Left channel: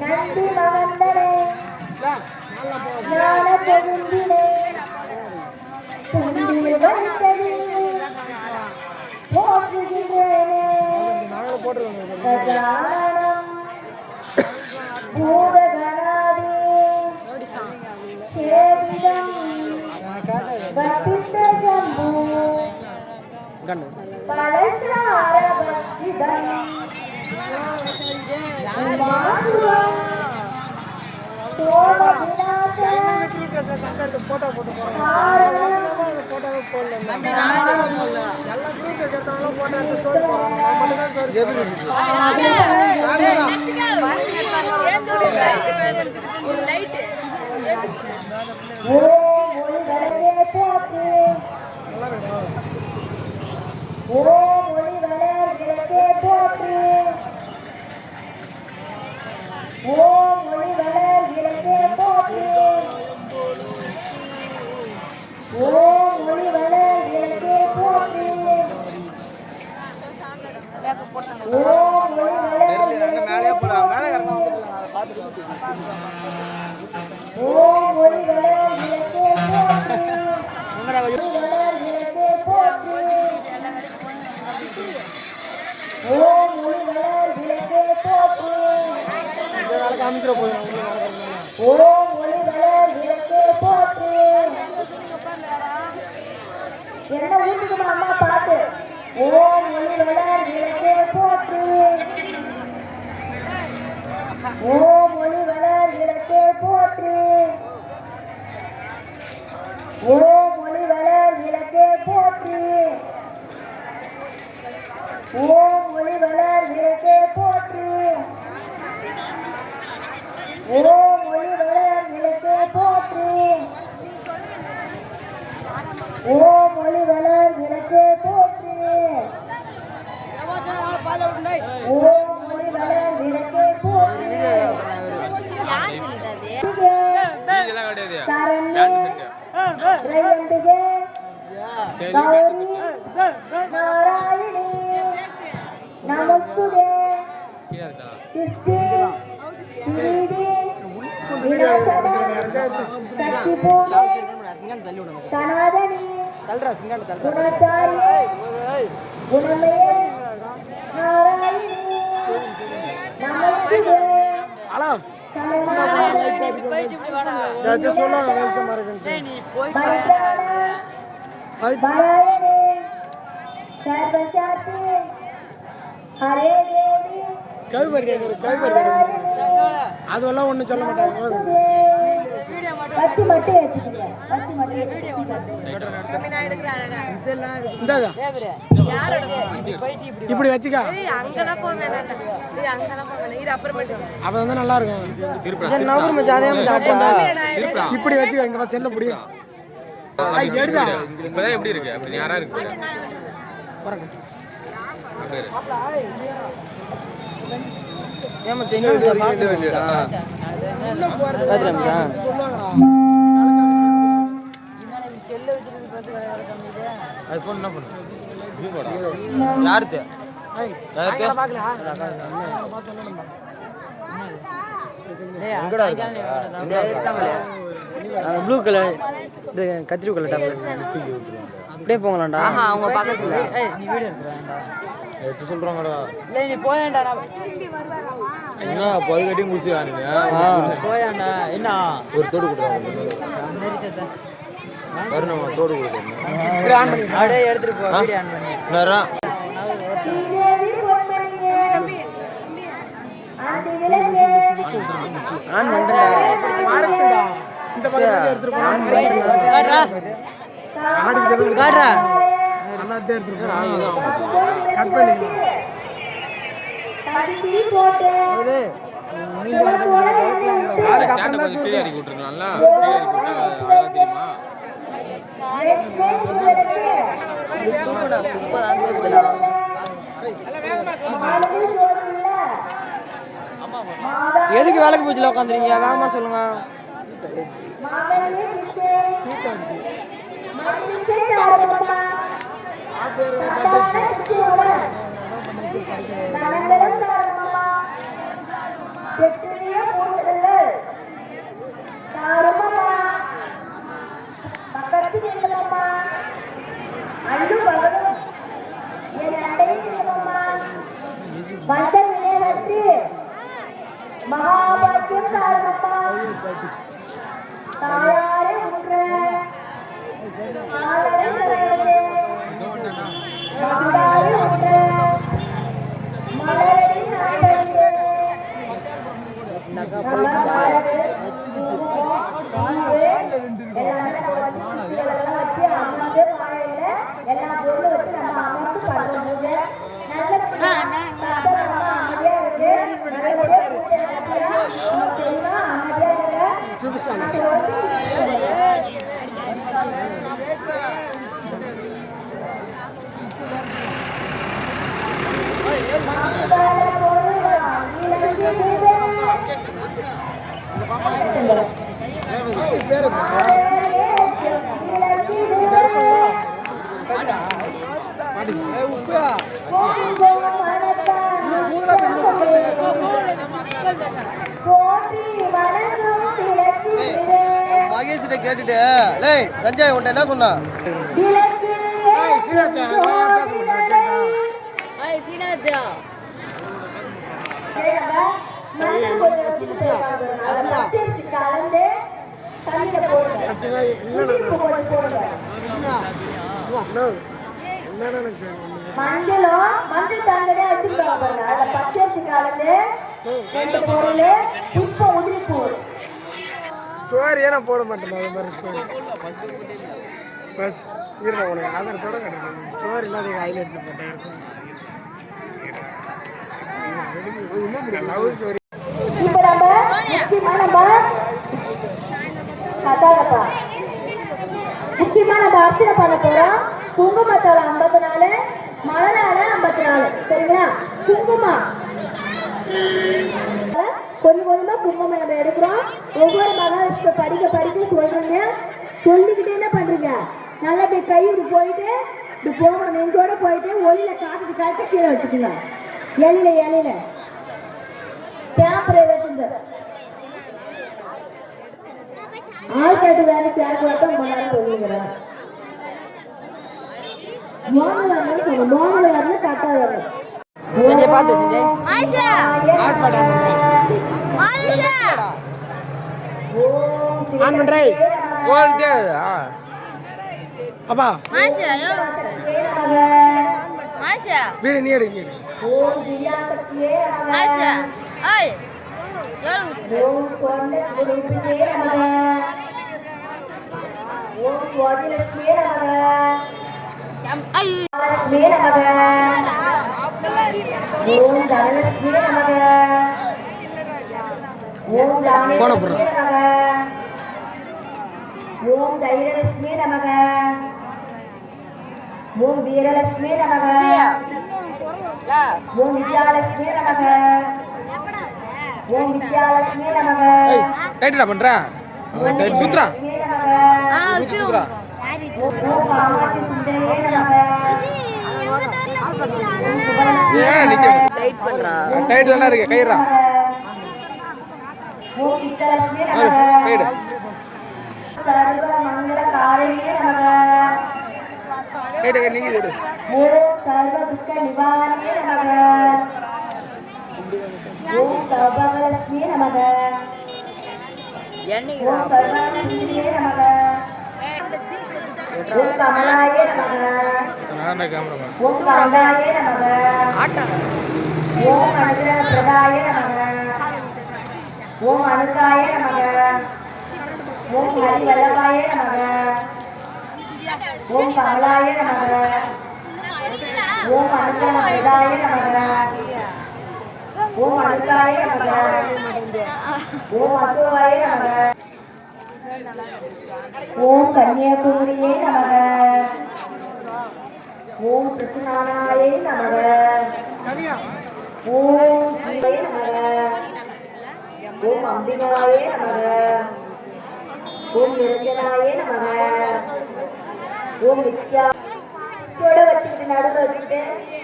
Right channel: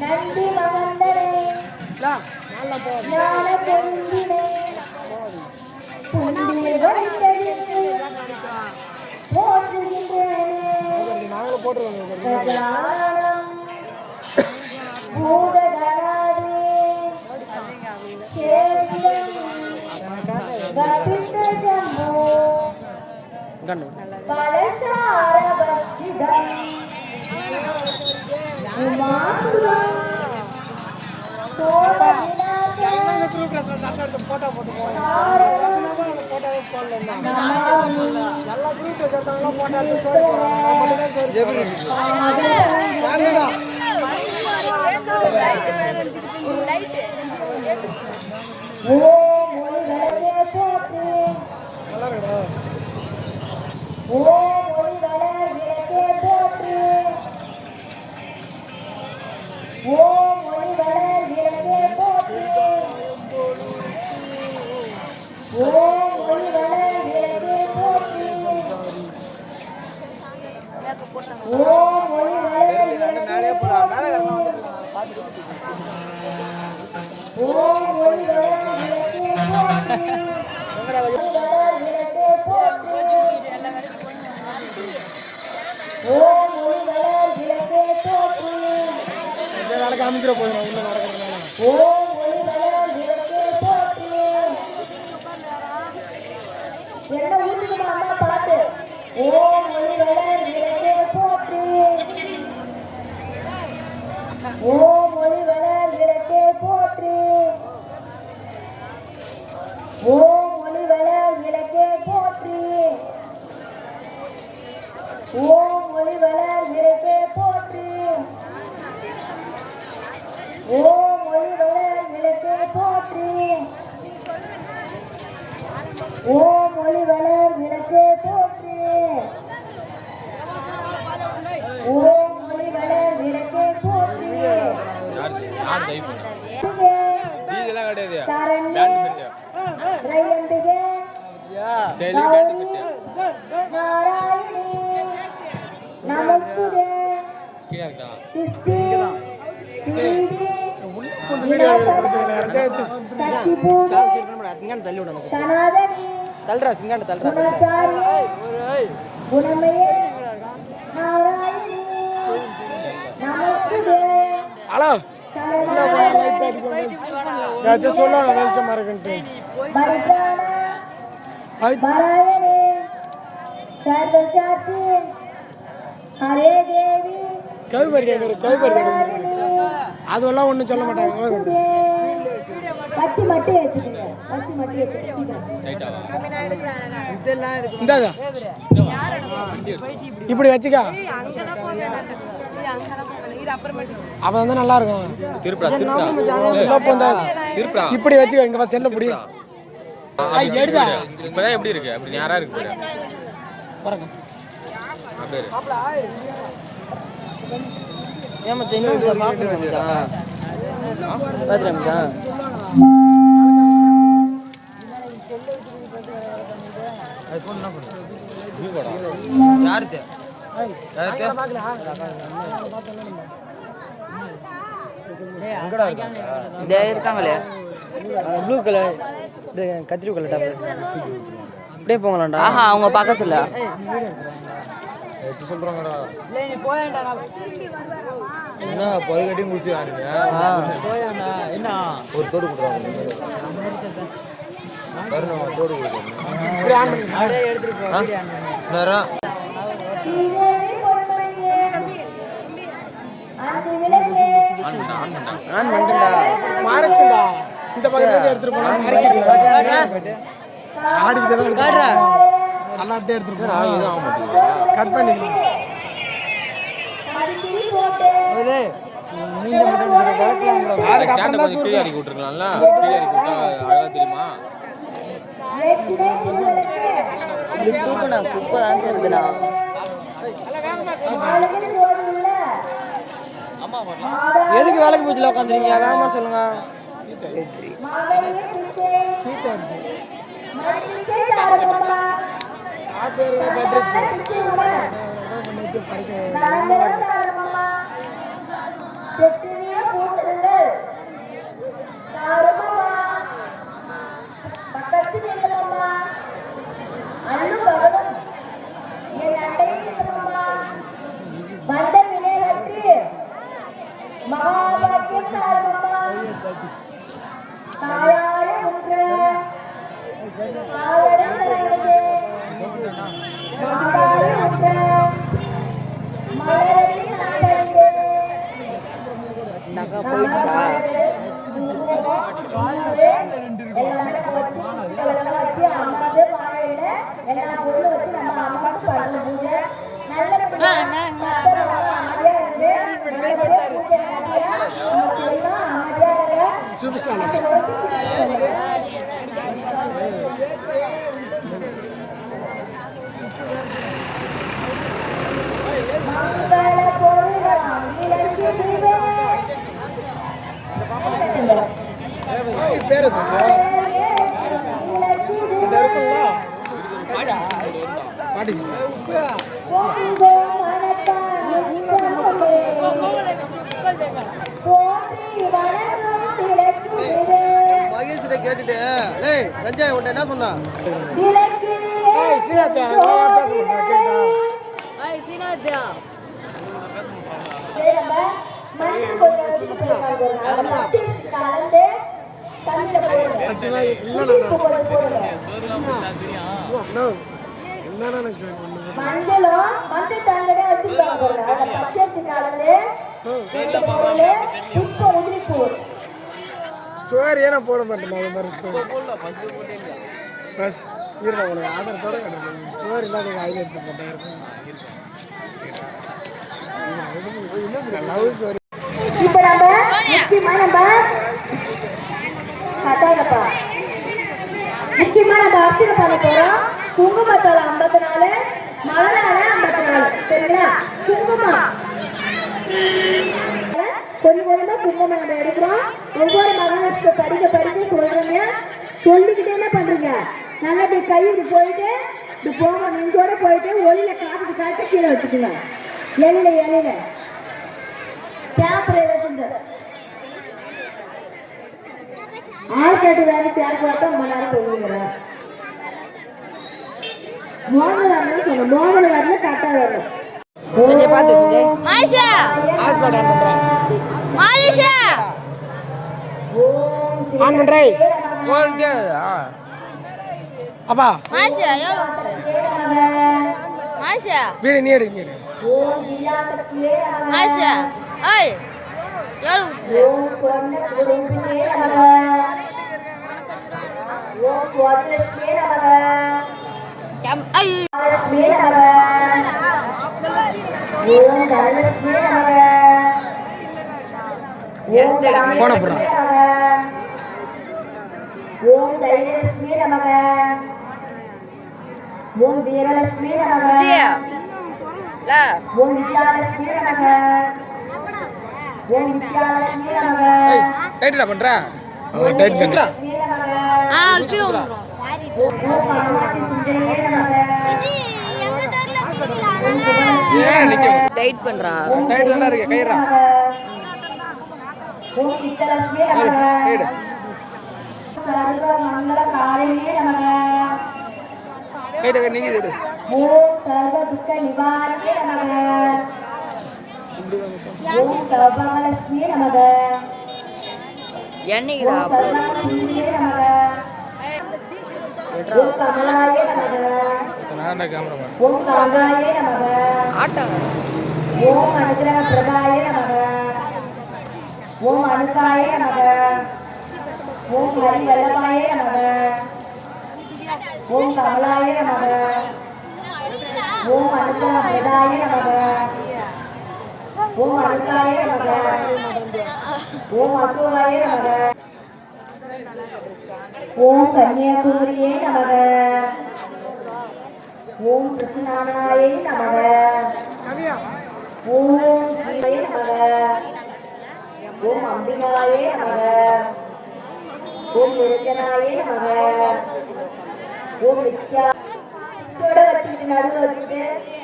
நந்தி மகந்தனே ஞான பெருந்தினே துண்டில் வைத்தது போற்றுகின்றேனே கஜானம் பூதகணாதே சேவிதம் வபித்த ஜம்பு பலசார பக்திதம் உமாசுரம் சோழ அதெல்லாம் ஒண்ணும் சொல்ல மாட்டாங்க. பத்தி மட்டும் ஏத்துக்கீங்க. பத்தி மட்டும் இப்படி வச்சுக்கா. அவ வந்து நல்லா இருக்கும். இப்படி வச்சுக்க. இங்க செல்ல முடியும். இப்பதான் எப்படி இருக்கு? அப்படி யாரா இருக்கு? ஏன் மச்சான் என்ன பாக்குறேன் மச்சான் பாத்துறேன் மச்சான் ஐபோன் என்ன பண்ணும் யாருக்கு இருக்காங்களே ப்ளூ கலர் கத்திரி கலர் டாப் அப்படியே போங்களாண்டா அவங்க பக்கத்துல என்ன பதுக்கட்டி முடிச்சு வாங்க என்ன ஒரு தோடு கொடுறாங்க தோடு ஆன் பண்ணிட்டா இந்த பக்கம் எடுத்துட்டு போனா அண்ணாட்டே எடுத்துட்டு கட் பண்ணி ஸ்டாண்ட் கொஞ்சம் கீழே இறக்கி விட்டுருக்கலாம்ல கீழே இறக்கி விட்டா அழகா தெரியுமா எதுக்கு வேலைக்கு போச்சுல உட்காந்துருக்கீங்க வேகமா சொல்லுங்க மகாபாக்கியம் தாரமம்மா தாயாரே உற்ற காலடம் தரையதே மாதாவே உற்ற மலரடி நாட்டே நகா போயிடுச்சா எல்லா பொருளும் வச்சு நம்ம அம்மாவுக்கு பண்றோம் பூஜை நல்ல மகேஷ் கேட்டுட்டு சஞ்சய் உன்ட்ட என்ன சொன்னா மஞ்சள் கொஞ்சம் வச்சுட்டு கலந்து தண்ணியில போடுங்க மஞ்சளும் மஞ்சள் தண்டனே வச்சிருக்காங்க பாருங்க அதை பச்சரிசி கலந்து 2 பொருள் உப்பு உதிரிப்பூ ஸ்டோரி ஏன்னா போட மாட்டேன் அது மாதிரி ஃபர்ஸ்ட் இருக்க உனக்கு ஆதாரத்தோட கிடைக்கும் ஸ்டோர் இல்லாத ஐடியா எடுத்து போட்டேன் இப்ப நம்ம முக்கியமா நம்ம அர்ச்சனை பண்ண போறோம் குங்குமத்தால 54 மலரால 54 சரிங்களா குங்குமம் கொஞ்சம் கொஞ்சமா குங்குமம் நம்ம எடுக்கிறோம் ஒவ்வொரு மகாலட்சுமி படிக்க சொல்றீங்க சொல்லிக்கிட்டே என்ன பண்றீங்க நல்லா இப்படி கை இப்படி போயிட்டு இப்படி போங்க நெஞ்சோட போயிட்டு ஒளியில காட்டு கீழே வச்சுக்கோங்க எழில பேப்பர் எழுதுங்க ஆயிரத்தி வேலை சேர்க்க மலர் சொல்லுங்கிறேன் மோகன வரல கரெக்டா வரும் ஆன் பண்றேன் அப்பா வீடு நீ எடுக்க போன போடுறோம் ஓம் தைரியலட்சுமி நமக ஓம் வீரலட்சுமி நமக ஓம் வித்யாலட்சுமி நமக ஓம் வித்யாலட்சுமி நமக டைட்டா பண்றா டைட் சுத்ரா ஓம் காமாட்சி சுந்தரியே நமக ஏன் நிக்க டைட் பண்றா. டைட் தானே இருக்கு கயிறா ஓம் சித்தலட்சுமி நமக சைடு சர்வ மங்கள காரியே நமக கைட்ட கை நீங்க விடு ஓம் சர்வ துக்க நிவாரணியே நமக ஓம் சர்வலட்சுமி நமக என்னைக்குடா? ஓம் சர்வானந்தியே நமக ஓம் கமலாயே நமக நான் கேமராமேன் ஓம் காந்தாயே நமக ஆட்டாங்க. ஓம் அனுகிரக பிரதாய நமக ஓம் அனுகாய நமக ஓம் ஹரி வல்லபாய நமக ஓம் கமலாய நமக ஓம் அனுகிரக பிரதாய நமக ஓம் அனுகாய நமக ஓம் அசுவாய நமக ஓம் கன்னியாகுமரியே நமக ஓம் கிருஷ்ணானாயே நமக ஓம் சிவாய நமக ஓம் அம்பிகாயே நமக ஓம் நிரஞ்சனாயே நமக ஓம் நித்யா இதோட வச்சுக்கிட்டு நடுவில் வச்சுக்கிட்டு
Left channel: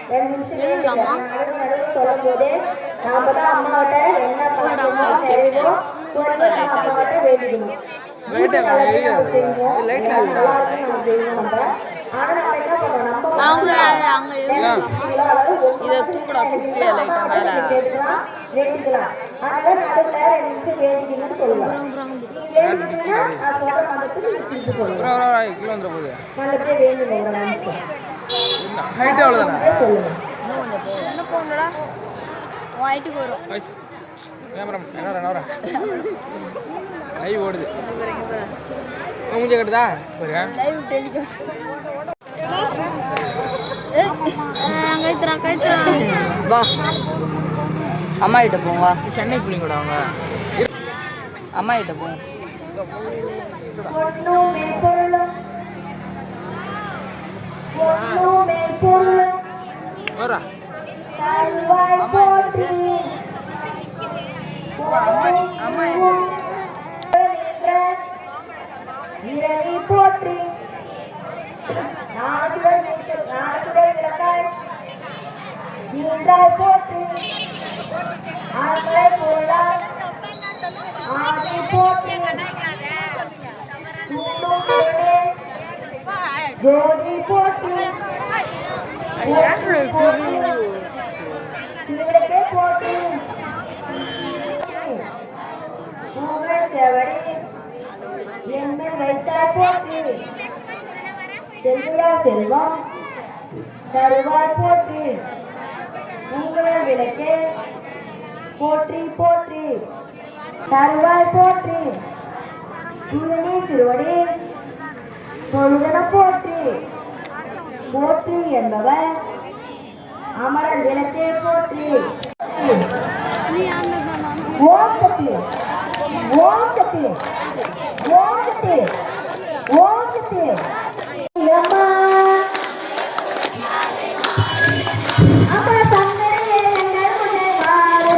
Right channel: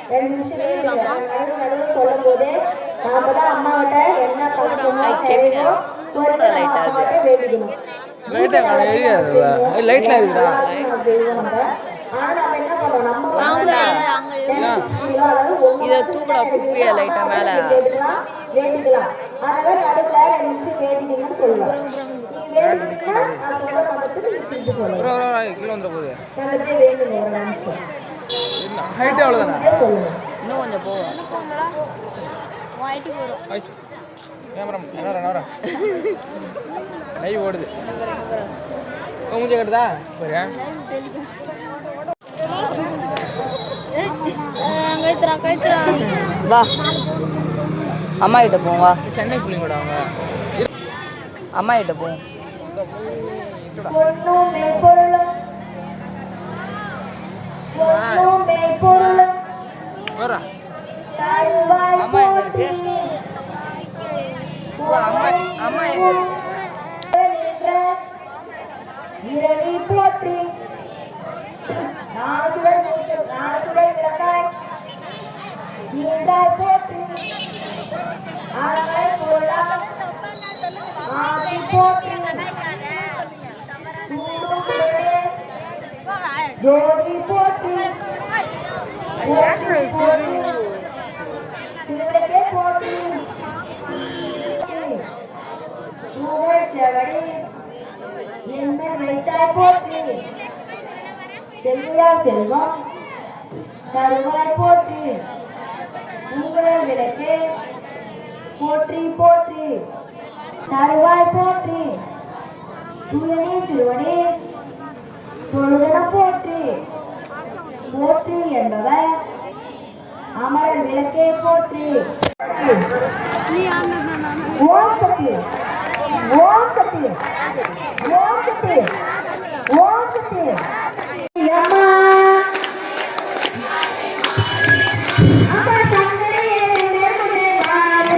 2 நிமிஷம் வேண்டுங்க நடுவில் சொல்லும் போது நாம தான் அம்மாவிட்ட என்ன பண்ணணுமோ செய்வோமோ ஒரு அம்மாவிட்ட வேண்டிக்கணும் லைட்டா லைட்ல ஆனா நம்ம என்ன பண்ணுவோம் இதை தூக்கடா குப்பியா லைட்டா மேல. கேட்டுக்கலாம் வேண்டிக்கலாம் அதனால நடுவில் 2 நிமிஷம் வேண்டிக்கணும்னு சொல்லுவாங்க வேண்டிங்கன்னா நான் சொல்ற மதத்துக்கு நீங்க திருப்பி சொல்லுங்க கீழே வந்துட போகுது நல்லபடியா வேண்டுங்க ஒரு நிமிஷம் என்ன ஹைட் அவ்வளோதானே சொல்லுங்க இன்னும் கொஞ்சம் போ. கேமரா என்ன வரேன் லைவ் ஓடுது மூஞ்ச கட்டுதா பாரு வா அம்மா கிட்ட போங்க. வா சென்னை பிள்ளைங்களோட அவங்க அம்மா கிட்ட போங்க. பொன்னும் மெய்ப்பொருளும் பொன்னும் மெய்ப்பொருளும் வரா தருவாய் போற்றி இரவி போற்றி நாதுடல் விளக்காய் நீண்டாய் போற்றி ஆண்களை போலாம் ஆதி போற்றி தூண்டுகளே ஜோதி போற்றி திருவிளக்கே போற்றி புகழ் செவடி என்னை வைத்தாய் போற்றி செல்வியா செல்வம் தருவாய் போற்றி உங்கள் விளக்கே போற்றி போற்றி தருவாய் போற்றி தூயனே திருவடி தொழுதன போற்றி போற்றி என்பவர் அமரர் விளக்கே போற்றி ஓம் சக்தி ஓம் சக்தி ஓம் சக்தி ஓம் சக்தி அம்மா அம்மா சங்கரையே நெருங்கே மாறு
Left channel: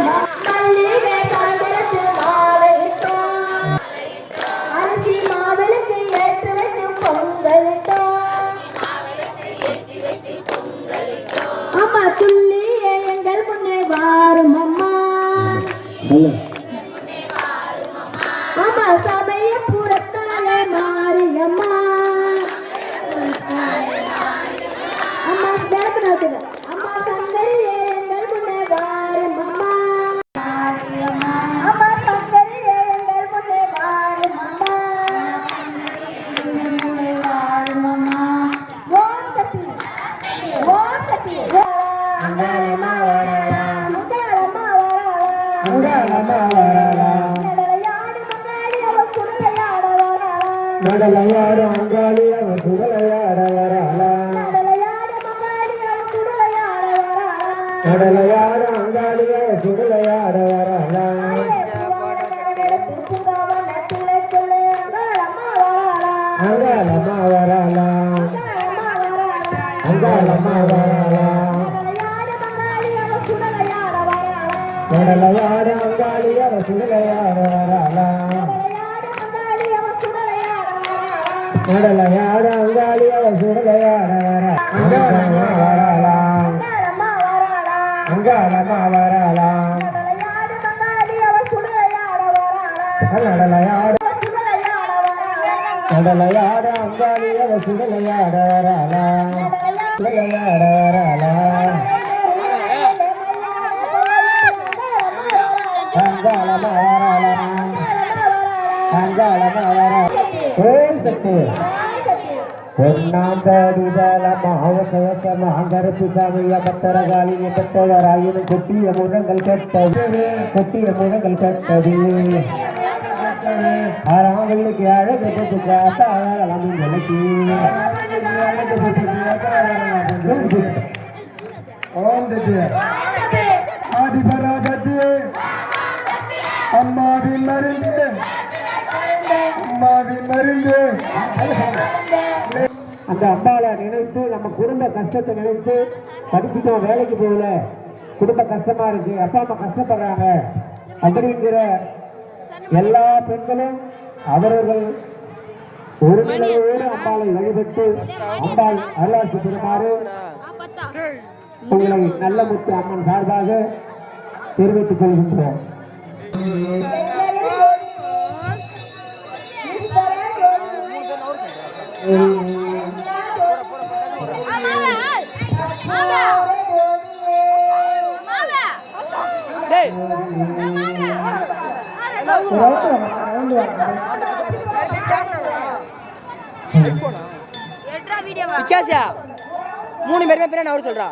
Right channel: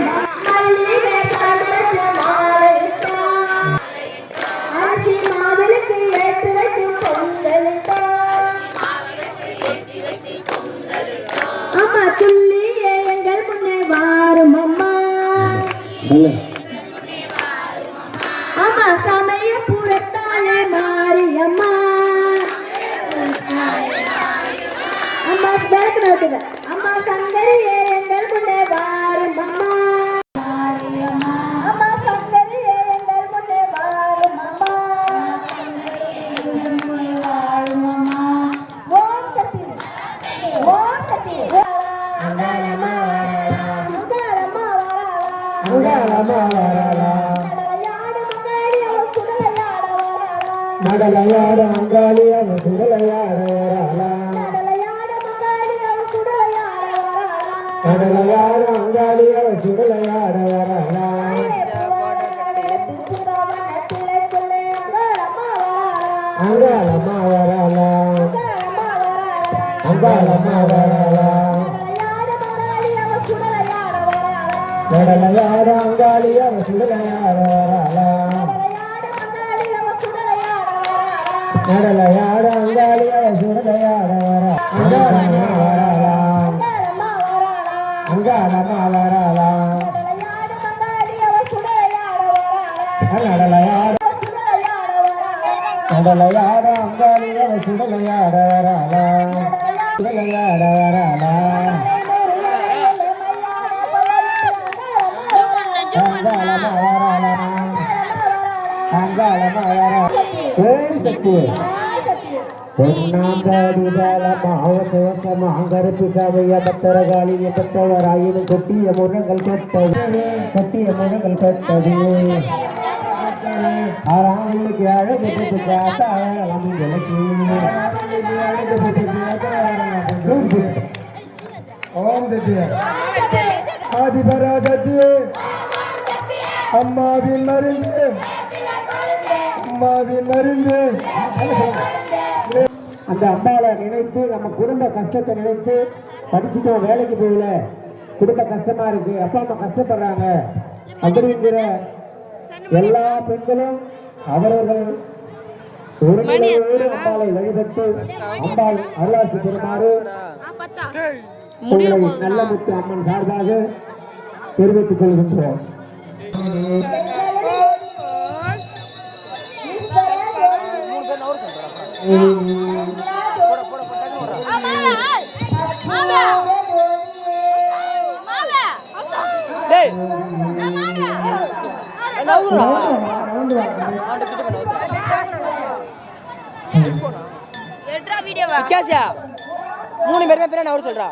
மல்லிகை சாதனத்து மாலையிட்டோ அரிசி மாவிளுக்கு ஏற்று வச்சு பொங்கலிட்டோ அம்மா துள்ளியே எங்கள் முன்னே வாரும் அம்மா அம்மா சமய புறத்தாலே மாரியம்மா அம்மா பேசுறது அம்மா சங்கரியே எங்கள் முன்னே வாரும் அம்மா அம்மா சங்கரியே எங்கள் முன்னே வாரும் அம்மா ஓம் சக்தி ஓம் சக்தி அங்காளம்மா வரலாம் அங்காளம்மா வரலாம் அங்காளம்மா வரலாம் நடலையாடு மங்காளி அவ சுடலையாட வரலாம் நடலையாடு அங்காளி அவ சுடலையாட வரலாம் நடலையாடு மங்காளி அவ சுடலையாட வரலாம் கடலையாடு அங்காளி அவ சுடலையாட வரலாம் அங்காளம்மா வரலாம் அங்காளம்மா வரலாம் கடலையாடு அங்காளி அவ சுடலையாட வரலாம் நடலையாடு அங்காளி அவ சுடலையாட வர அங்காளம்மா வரலாம் மங்களமா வரலாம் நடலையாடு மங்காளி அவள் சுடலையாட வராளா நடலையாடு சுடலையாட வராளா கடலையாட அங்காளி அவ சுடலையாட வரலா சுடலையாட வரலா அங்காளமா வரலா அங்காளமா வரலா ஓம் சக்தி பொன்னாந்தடிதலமாவசமாங்கருப்பு சமய பத்தரகாலிய பெற்றவராயினும் கொட்டிய முழங்கள் கட்டது ஆறாங்களுக்கு அழகு ஆதிபராதத்து அம்மாவின் மருந்து அந்த அம்மாவை நினைத்து நம்ம குடும்ப கஷ்டத்தை நினைத்து படிச்சுட்டோம், வேலைக்கு போகல, குடும்ப கஷ்டமா இருக்கு, அப்பா அம்மா கஷ்டப்படுறாங்க அப்படிங்கிற எல்லா பெண்களும் அவரவர்கள் ஒரு நிலையோடு அம்பாளை வழிபட்டு அம்பாள் அருளாசி பெறுமாறு உங்களை நல்ல முத்து அம்மன் சார்பாக தெரிவித்துக் கொள்கின்றோம். விக்காசியா 3 பேருமே பேர் நான் சொல்றா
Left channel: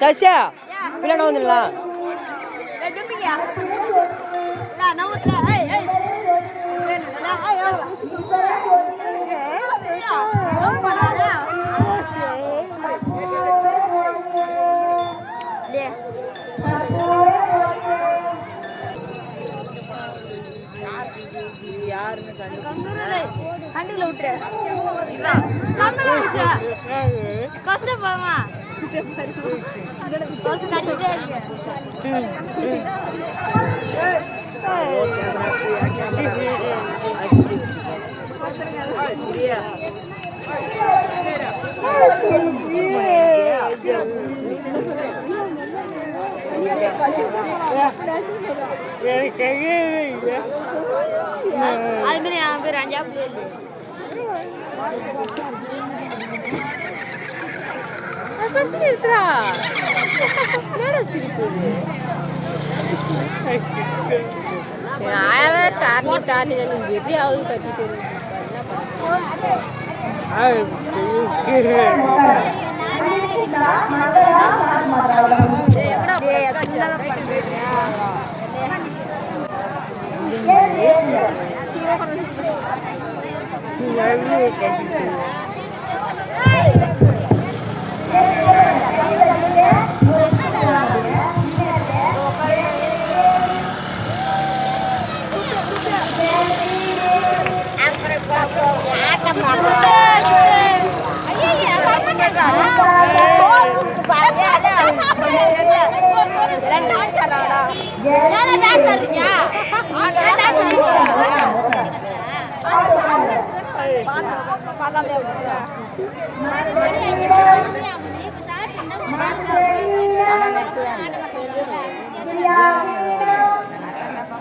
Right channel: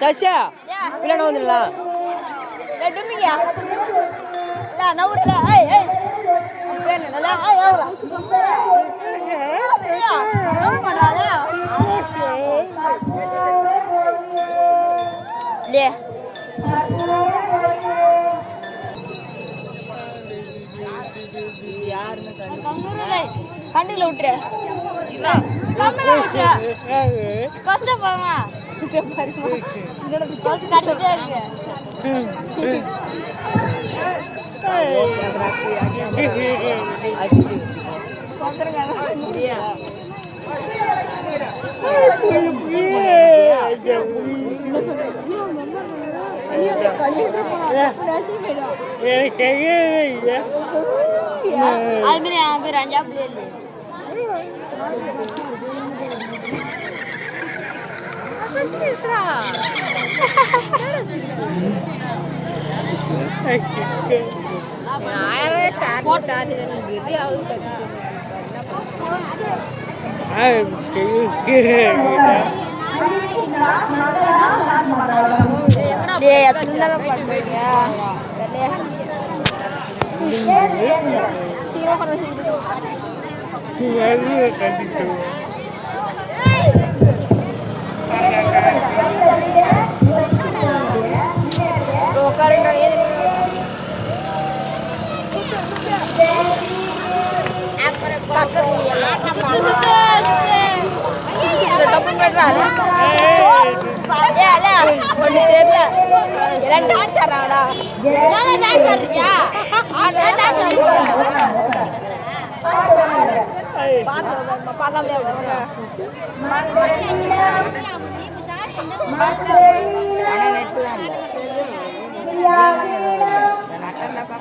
சசியா பிள்ளை வந்துடலாம் கண்டில விட்டுரு கஷ்டப்பாமா கட்டிட்டே இருக்கு அது மாதிரி அவன் பேர் அஞ்சா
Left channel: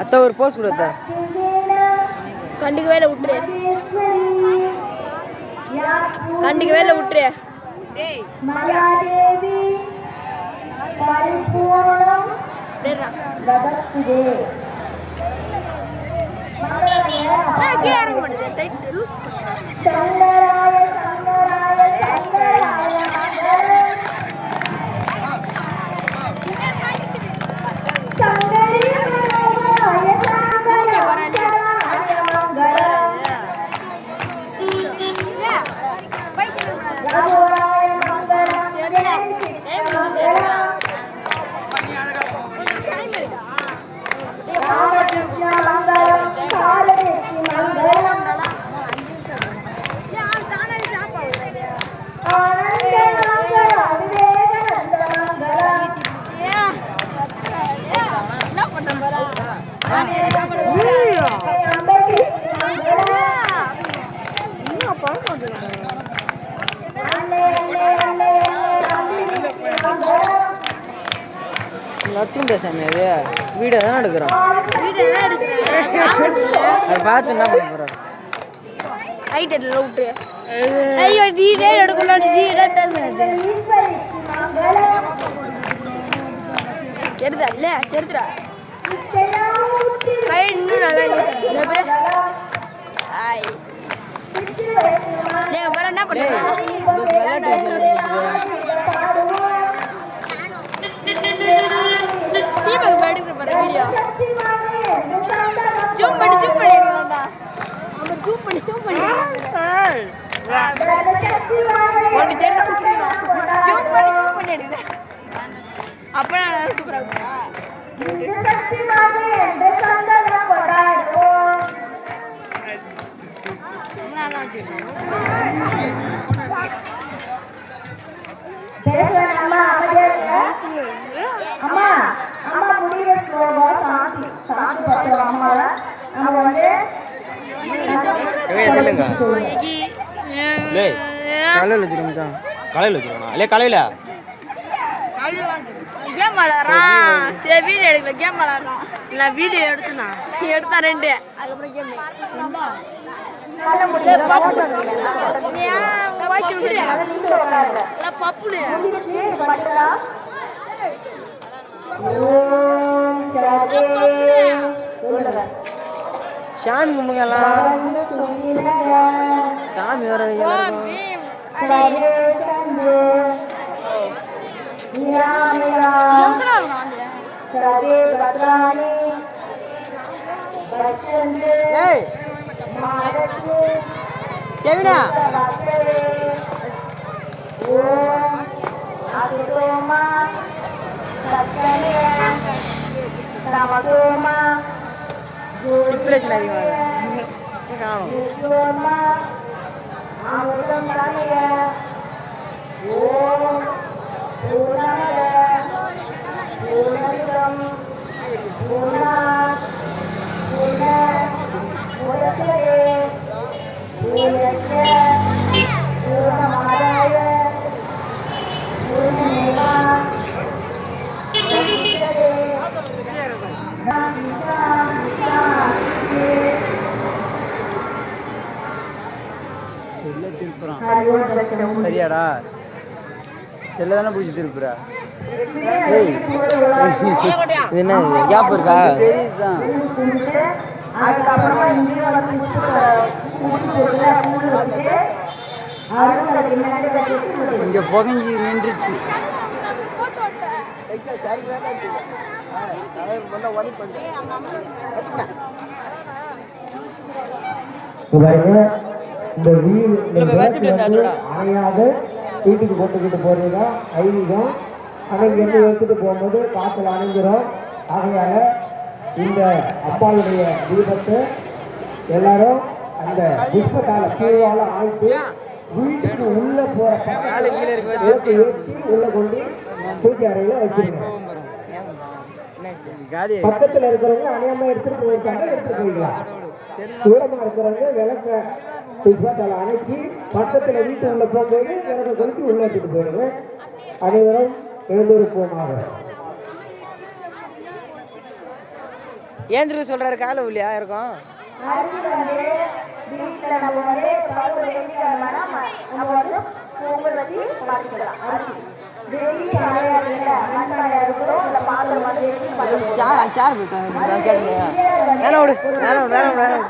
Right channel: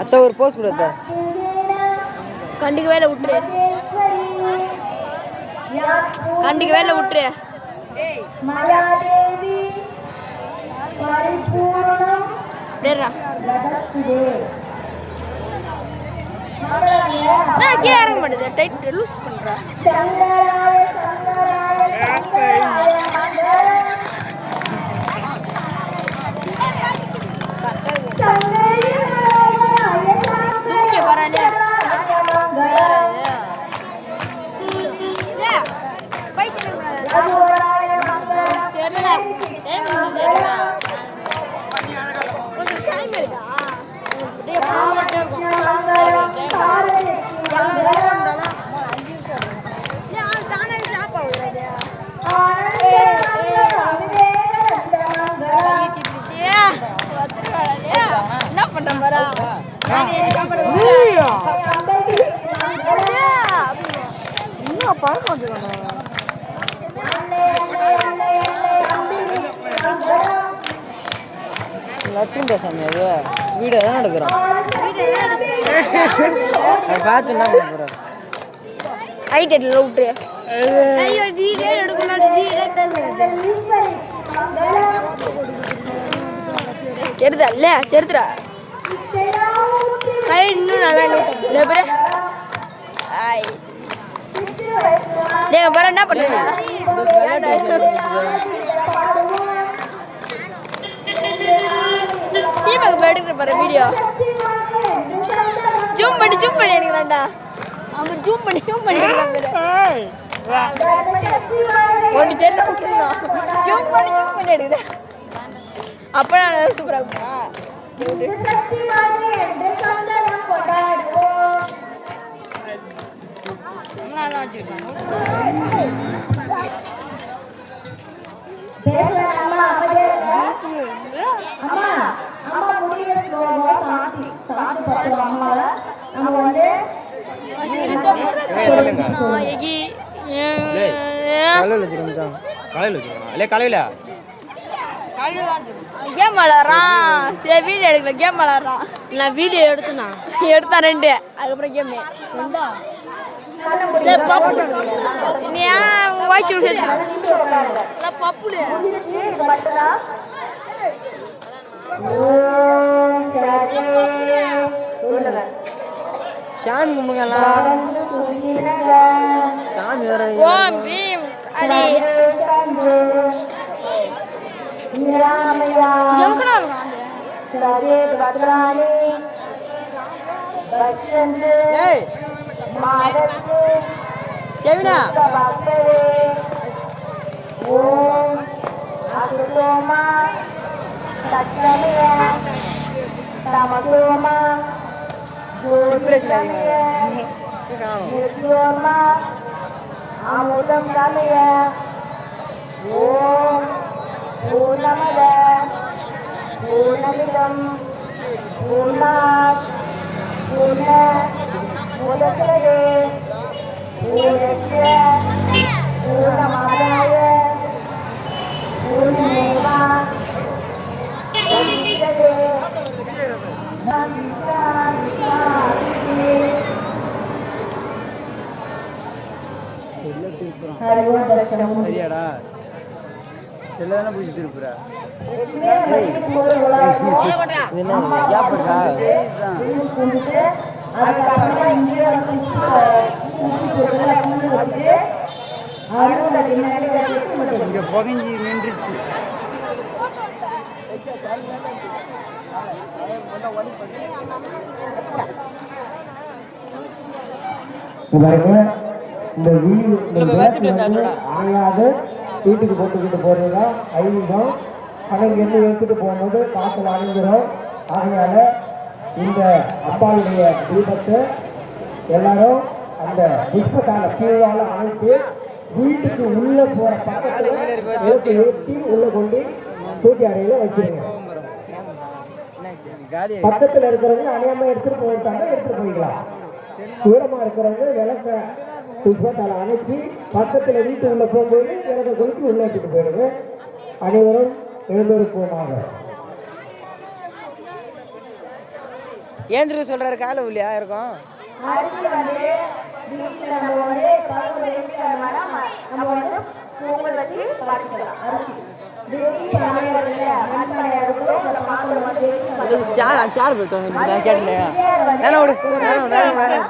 அத்தை ஒரு போஸ்ட் கொடு அத்தை. கண்டுக்கு வேலை விட்டுரு கண்டுக்கு வேலை விட்டுரு மாயாதேவி பரிபூர்ணம் லபஸ்துதே. கீழே இறங்க மாட்டேது டைட் லூஸ் பண்ணுறேன் சங்கராய சங்கராய சங்கராய சங்கரிய மனோகராய சங்கராய மங்கள ரகுவராய ராமகிருஷ்ண மங்களம் சாரதி மங்களம் நத்துண்டா சாமி அது வீடியோ தான் எடுக்கிறோம் அதை பார்த்து என்ன பண்ண போகிறோம் ஐட்டல விட்டு ஐயோ டீடே எடுக்கணும் டீடே பேசுறது தெரியுதா தெரியுதா இன்னும் நல்லா நீங்க பாரு என்ன பண்ணுங்க எடுக்கிற பாரு வீடியோ ஜூம் பண்ணி எடுக்கலாம்டா அவன் ஜூம் பண்ணி ஒன்று தெரியல ஜூம் பண்ணி எடுக்கிறேன் அப்போ நான் சூப்பராக இருக்குமா அம்மா அம்மா முடிவு சாந்தி சாந்தி பத்து அம்மாவை நம்ம வந்து காலையில் வச்சுருந்தோம் காலையில் கேம் விளாட்றான் சரி வீடியோ எடுக்கல கேம் விளாட்றான் நான் வீடியோ எடுத்தேன் 2 அதுக்கப்புறம் கேம் பப்புடு சாமி கும்பிடுங்கலாம் சாமி வர ஏய் கேவினா டிப்ரெஷன் அமுதம் காமிய ஓம் பூர்ணமத பூர்ணமிதம் பூர்ணாத் பூர்ண முதஸ்ரயே பூர்ணஸ்ய பூர்ணமாதாய பூர்ணமேவா வசிஷ்யதே சரியாடா செல்லதானே பூச்சி திருப்புறா என்ன கேப் இருக்கா அதுக்கப்புறமா இங்கே வந்து இங்கே புகஞ்சி நின்றுச்சு பாருங்க இந்த வீடு அணையாத வீட்டுக்கு போட்டுக்கிட்டு போறீங்க ஐதீகம் ஆனால் இங்கேருந்து எடுத்துட்டு போகும்போது காற்றுல அணைஞ்சிரும். ஆகையால இந்த அப்பாளுடைய தீபத்தை எல்லாரும் அந்த புஷ்பத்தால கீழால அணைத்து வீட்டுக்கு உள்ள போற பக்கத்துல ஏற்றி உள்ள கொண்டு பூஜை அறையில வச்சிருங்க. பக்கத்துல இருக்கிறவங்க அணையாம எடுத்துட்டு போயிருக்காங்க, எடுத்துட்டு போய்க்கலாம். தூரமா இருக்கிறவங்க விளக்க புஷ்பத்தால அணைச்சி பக்கத்துல வீட்டு உள்ள போகும்போது விளக்க கொளுத்தி உள்ள எடுத்துட்டு போயிடுங்க. அனைவரும் எழுந்திருப்போமாக. ஏந்திருக்கு சொல்றாரு காலை உள்ளியா இருக்கும். சார் போயிட்டோம் கேட்டேன். வேணா விடு வேணாம் வேணாம் வேணாம்.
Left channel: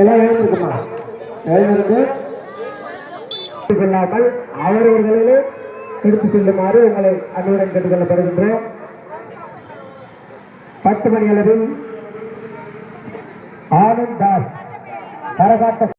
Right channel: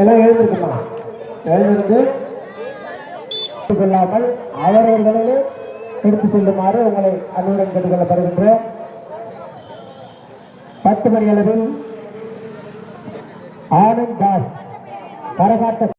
எல்லாம் எழுந்திருக்குமா? எழுந்திருந்து இல்லாமல் அவரவர்களே எடுத்து செல்லுமாறு உங்களை அணியுடன் கேட்டுக்கொள்ளப்படுகின்றோம். 10 மணி அளவில் ஆனந்த் தாஸ் கரகாட்ட